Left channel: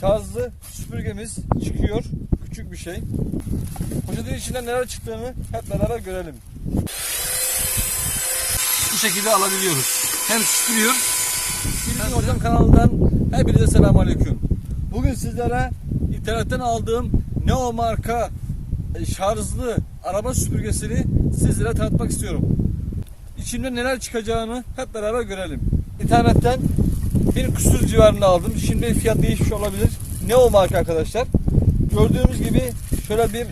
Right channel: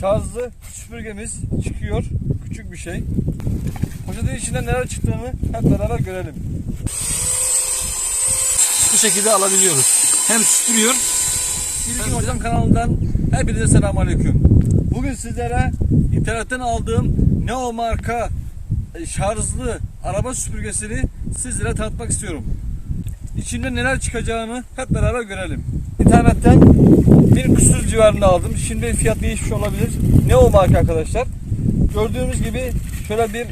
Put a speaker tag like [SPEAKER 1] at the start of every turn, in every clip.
[SPEAKER 1] şarjlı süpürgemiz çıkıyor. Küçük bir şey. Poşetin içinden neler çıktığını hep beraber görelim. Bu şekilde alabiliyoruz. Hem süpürüyor. Bilgin Hocam kanalından hepinize selamun aleyküm. Bugün sizlere internetten aldığım Neo marka e, şarjlı araba süpürgesini sizlere tanıtmak istiyorum. İçinde neler çıkacağını hep beraber görelim. İnternetten bir küsur civarında aldım. Şimdi fiyat değişmiş olabilir. Neo marka arkadaşlar. Gördüğümüz gibi şöyle bir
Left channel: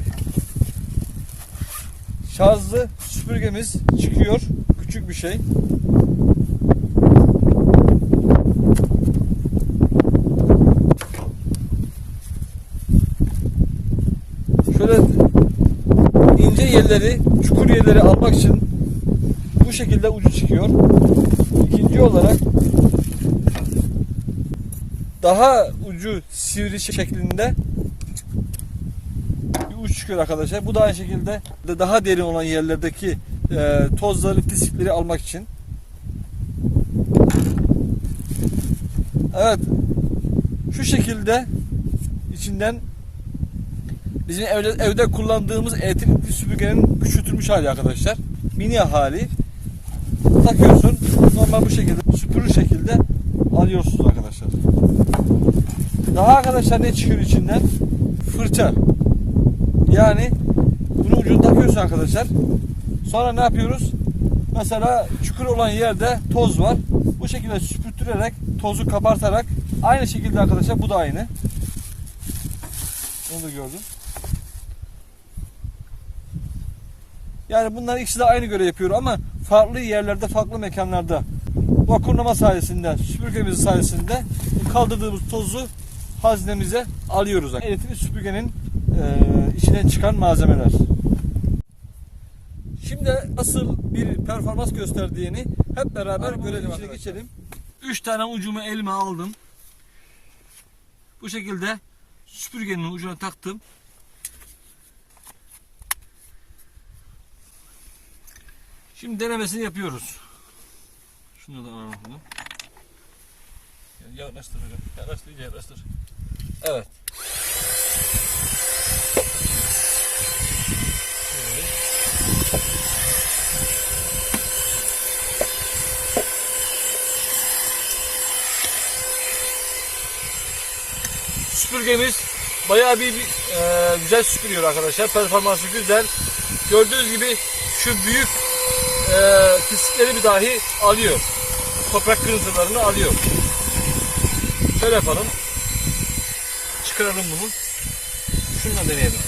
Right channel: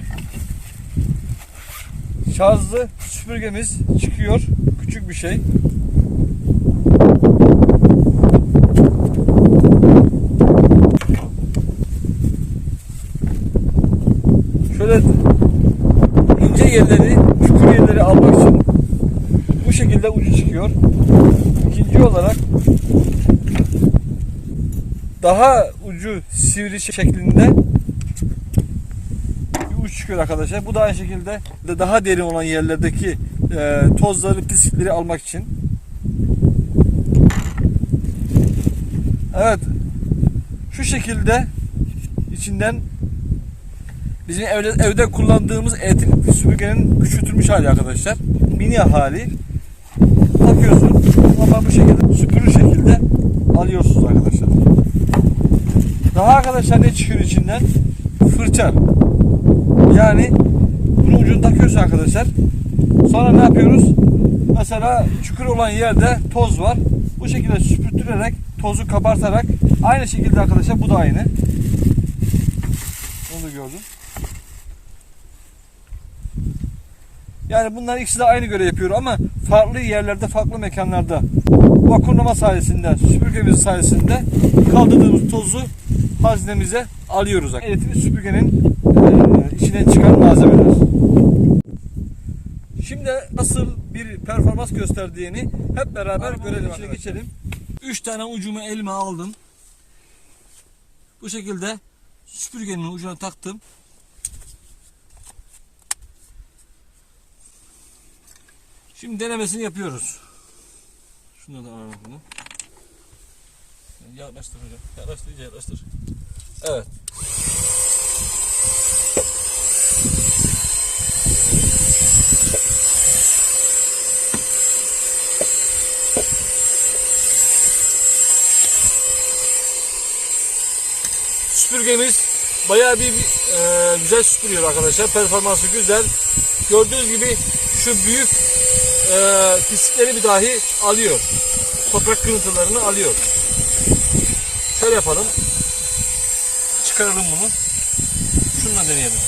[SPEAKER 1] şarjlı süpürgemiz çıkıyor. Küçük bir şey. Şöyle ince yerleri, çukur yerleri almak için şekilde ucu çıkıyor. İkinci olarak daha ucu sivri şeklinde bir uç çıkıyor arkadaşlar. Bu da aynı şekilde de daha derin olan yerlerdeki e, tozları, pislikleri almak için. Evet. Şu şekilde içinden bizim evde, evde kullandığımız elektrikli süpürgenin küçültülmüş hali arkadaşlar. Mini hali. Takıyorsun. Normal bu şekilde süpürür şekilde alıyorsunuz arkadaşlar. Daha arkadaşlar ne çıkıyor içinden? Fırça. Yani bunun ucunu takıyorsun arkadaşlar. Sonra ne yapıyoruz? Mesela çukur olan yerde toz var. Bu şekilde süpürtürerek tozu kabartarak aynı şekilde arkadaşlar bu da aynı. Onu da gördüm. Yani bunlar ikisi de aynı görev yapıyor ama farklı yerlerde, farklı mekanlarda vakumlama sayesinde, süpürgemiz sayesinde kaldırdığımız tozu haznemize alıyoruz. Elektrikli süpürgenin e, içine çıkan malzemeler. Şimdi nasıl bir performans gösterdiğini hep beraber görelim. İçine geçelim. 3 tane ucumu elime aldım. Bu şekilde süpürgenin ucuna taktım. Şimdi denemesini yapıyoruz. Şunu da alalım. bunu. Yaklaştır hocam. Yaklaştır, iyice yaklaştır. Evet. Süpürgemiz bayağı bir e, güzel süpürüyor arkadaşlar. Performansı güzel. Gördüğünüz gibi şu büyük e, pislikleri bir dahi alıyor. Toprak kırıntılarını alıyor. Şöyle yapalım. Çıkaralım bunu. Şununla deneyelim.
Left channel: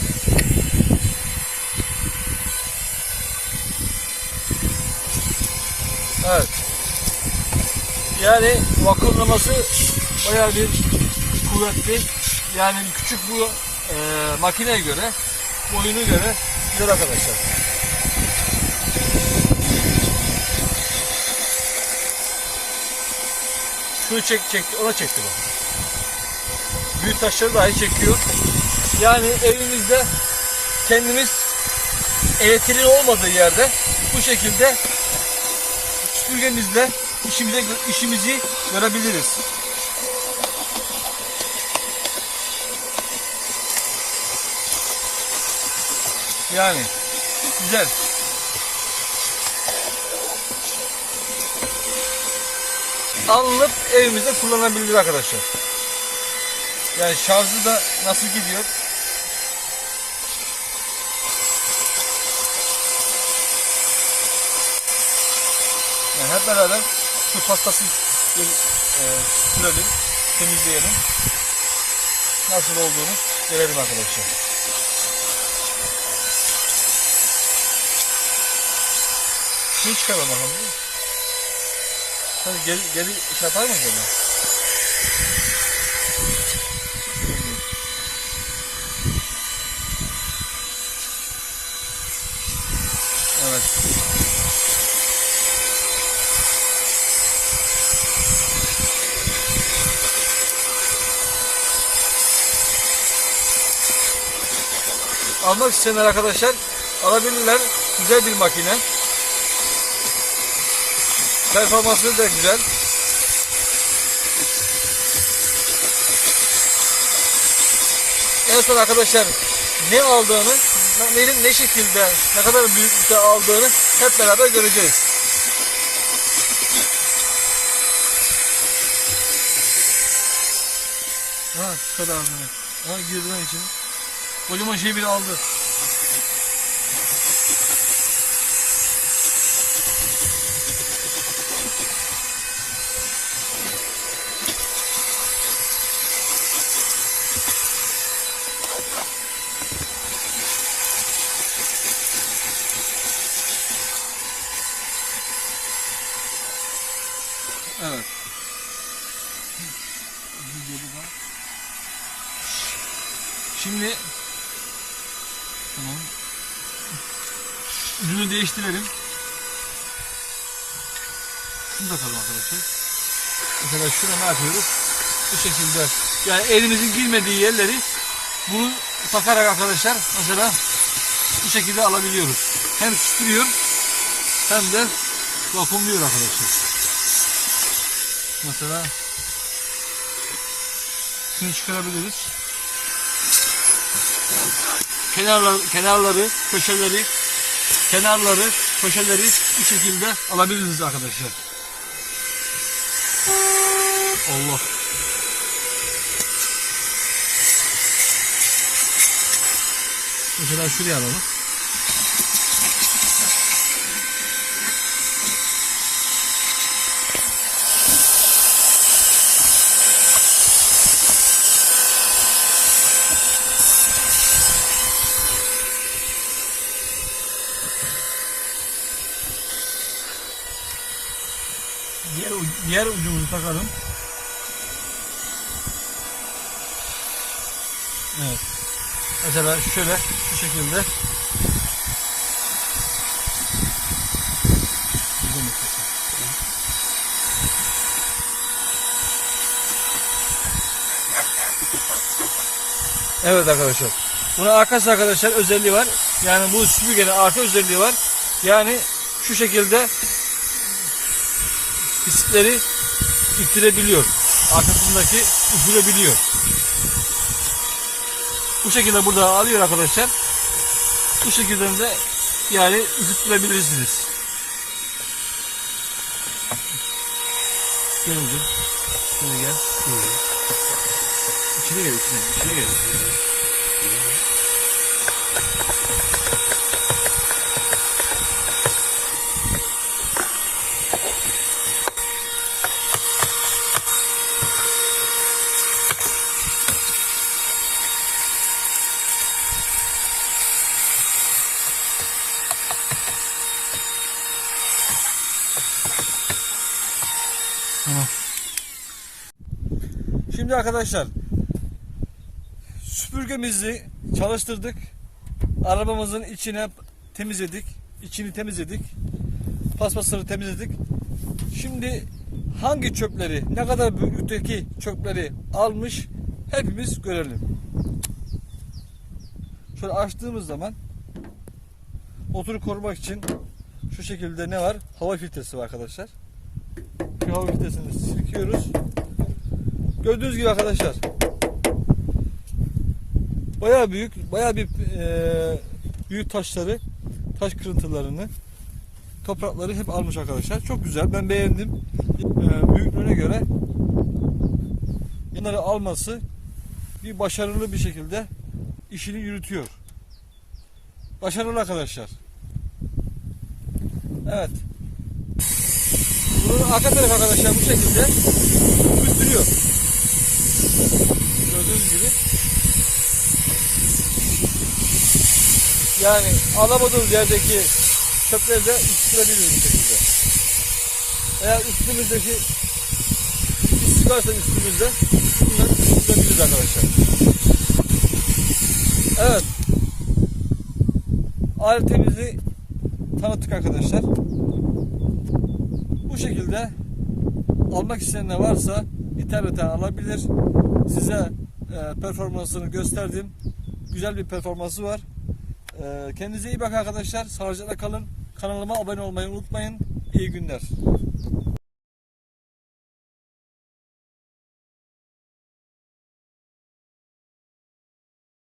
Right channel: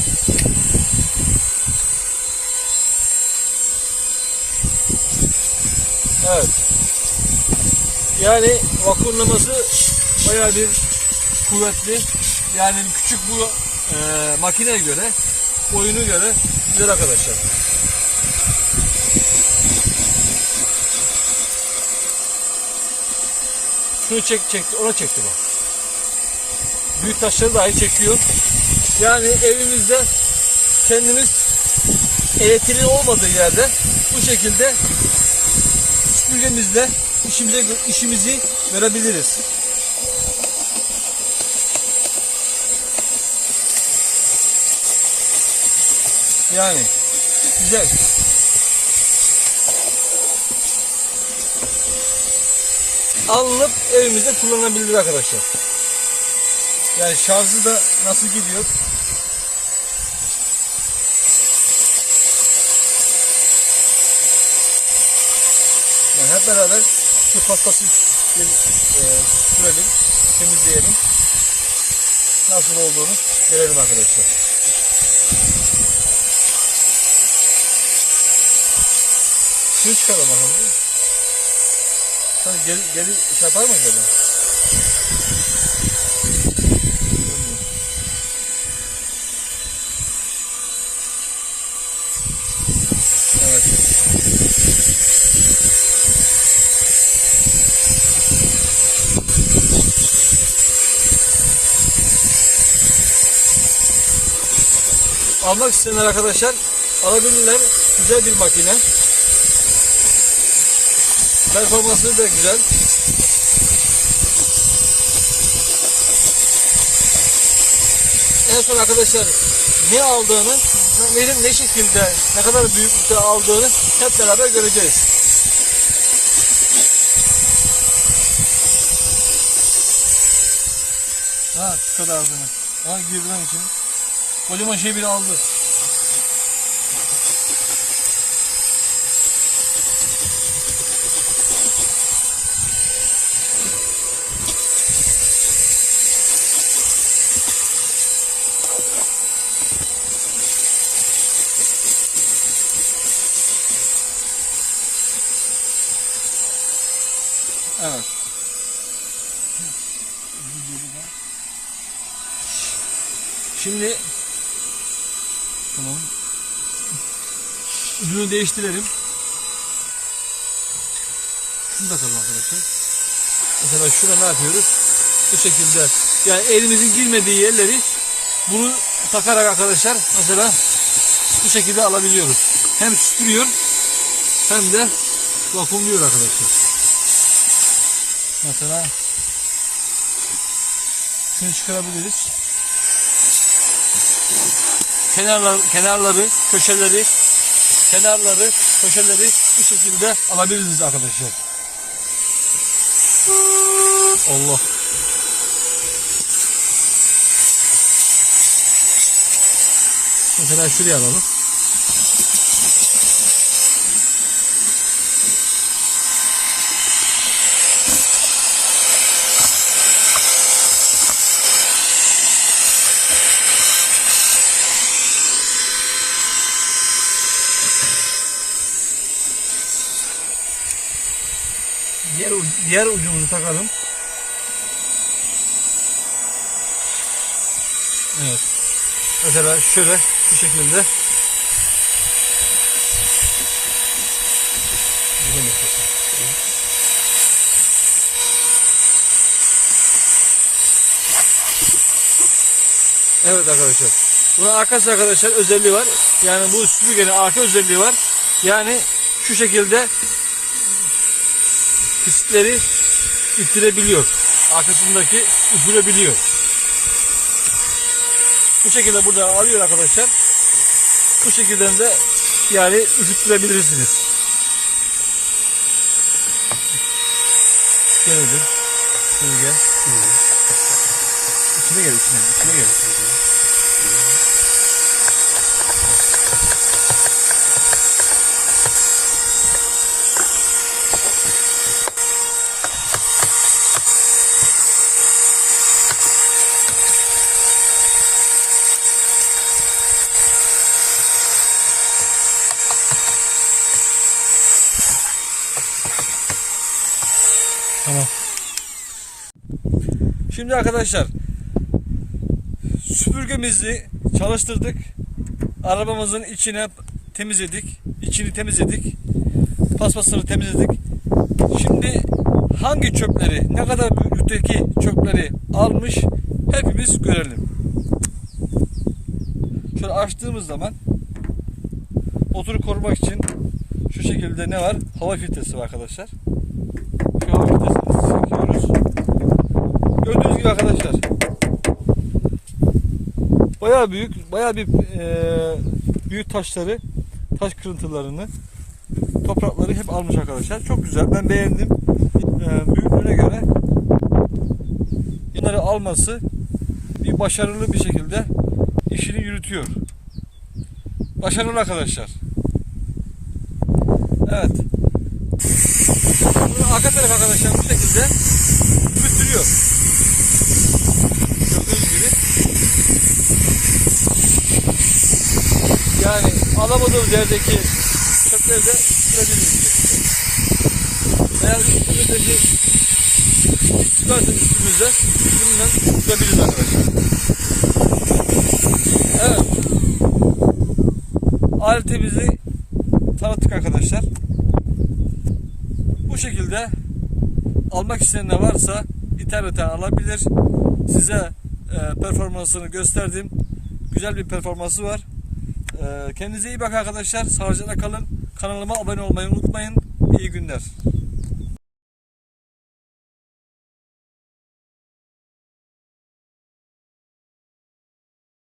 [SPEAKER 1] Evet. Yani vakumlaması bayağı bir kuvvetli. Yani küçük bu e, makineye göre, boyunu göre güzel arkadaşlar. Şunu çek, çekti, ona çekti bak. Büyük taşları dahi çekiyor. Yani evimizde kendimiz elektriğin olmadığı yerde bu şekilde süpürgemizle işimize, işimizi görebiliriz. Yani güzel. Alınıp evimizde kullanabilir arkadaşlar. Yani şarjı da nasıl gidiyor? Yani hep beraber şu pastası e, süpürelim, temizleyelim. Nasıl olduğunu görelim arkadaşlar. Şunu çıkaralım bakalım. Sen geri, geri şey yapar mı böyle? Evet. Almak isteyenler arkadaşlar alabilirler. Güzel bir makine. Performansı da güzel. En son arkadaşlar ne aldığını, neyin ne şekilde, ne kadar büyüklükte aldığını hep beraber göreceğiz. Ha, şöyle ağzına. Ha, girdi onun için. Kocaman şey biri aldı. Evet. Şimdi tamam. Ürünü değiştirelim. Şunu takalım arkadaşlar. Mesela şurada ne yapıyoruz? Bu şekilde yani elimizin girmediği yerleri bunu takarak arkadaşlar mesela bu şekilde alabiliyoruz. Hem süpürüyor hem de vakumluyor arkadaşlar. Mesela şunu çıkarabiliriz. Kenarları, kenarları, köşeleri, kenarları, köşeleri bu şekilde alabiliriz arkadaşlar. Allah. Mesela şuraya alalım. Diğer, diğer ucumuzu takalım. Evet. Mesela şöyle şu şekilde. Evet arkadaşlar. Bunun arkası arkadaşlar özelliği var. Yani bu süpürgenin arka özelliği var. Yani şu şekilde pislikleri ittirebiliyor. Arkasındaki üfürebiliyor. Bu şekilde burada alıyor arkadaşlar. Bu şekilde de yani üfüttürebilirsiniz. Gel hocam. Şöyle gel. İçine gel, içine, içine gel. Şimdi arkadaşlar süpürgemizi çalıştırdık. Arabamızın içine temizledik. içini temizledik. Paspasını temizledik. Şimdi hangi çöpleri, ne kadar büyüklükteki çöpleri almış hepimiz görelim. Şöyle açtığımız zaman motoru korumak için şu şekilde ne var? Hava filtresi var arkadaşlar. Çekiyoruz. Gördüğünüz gibi arkadaşlar. Bayağı büyük, bayağı bir eee, büyük taşları, taş kırıntılarını, toprakları hep almış arkadaşlar. Çok güzel. Ben beğendim. Eee, büyüklüğüne göre bunları alması bir başarılı bir şekilde işini yürütüyor. Başarılı arkadaşlar. Evet. Arka tarafı arkadaşlar bu şekilde bütünüyor. Gördüğünüz gibi. Yani alamadığımız yerdeki çöpleri de üstünebiliyor bu şekilde. Eğer üstümüzdeki sıkarsa üstümüzde bundan üstünebiliriz arkadaşlar. Evet. Aletimizi tanıttık arkadaşlar. Bu şekilde almak isteyenler varsa internetten alabilir. Size e, performansını gösterdim. Güzel bir performansı var. E, kendinize iyi bakın arkadaşlar. Sağlıcakla kalın. Kanalıma abone olmayı unutmayın. İyi günler.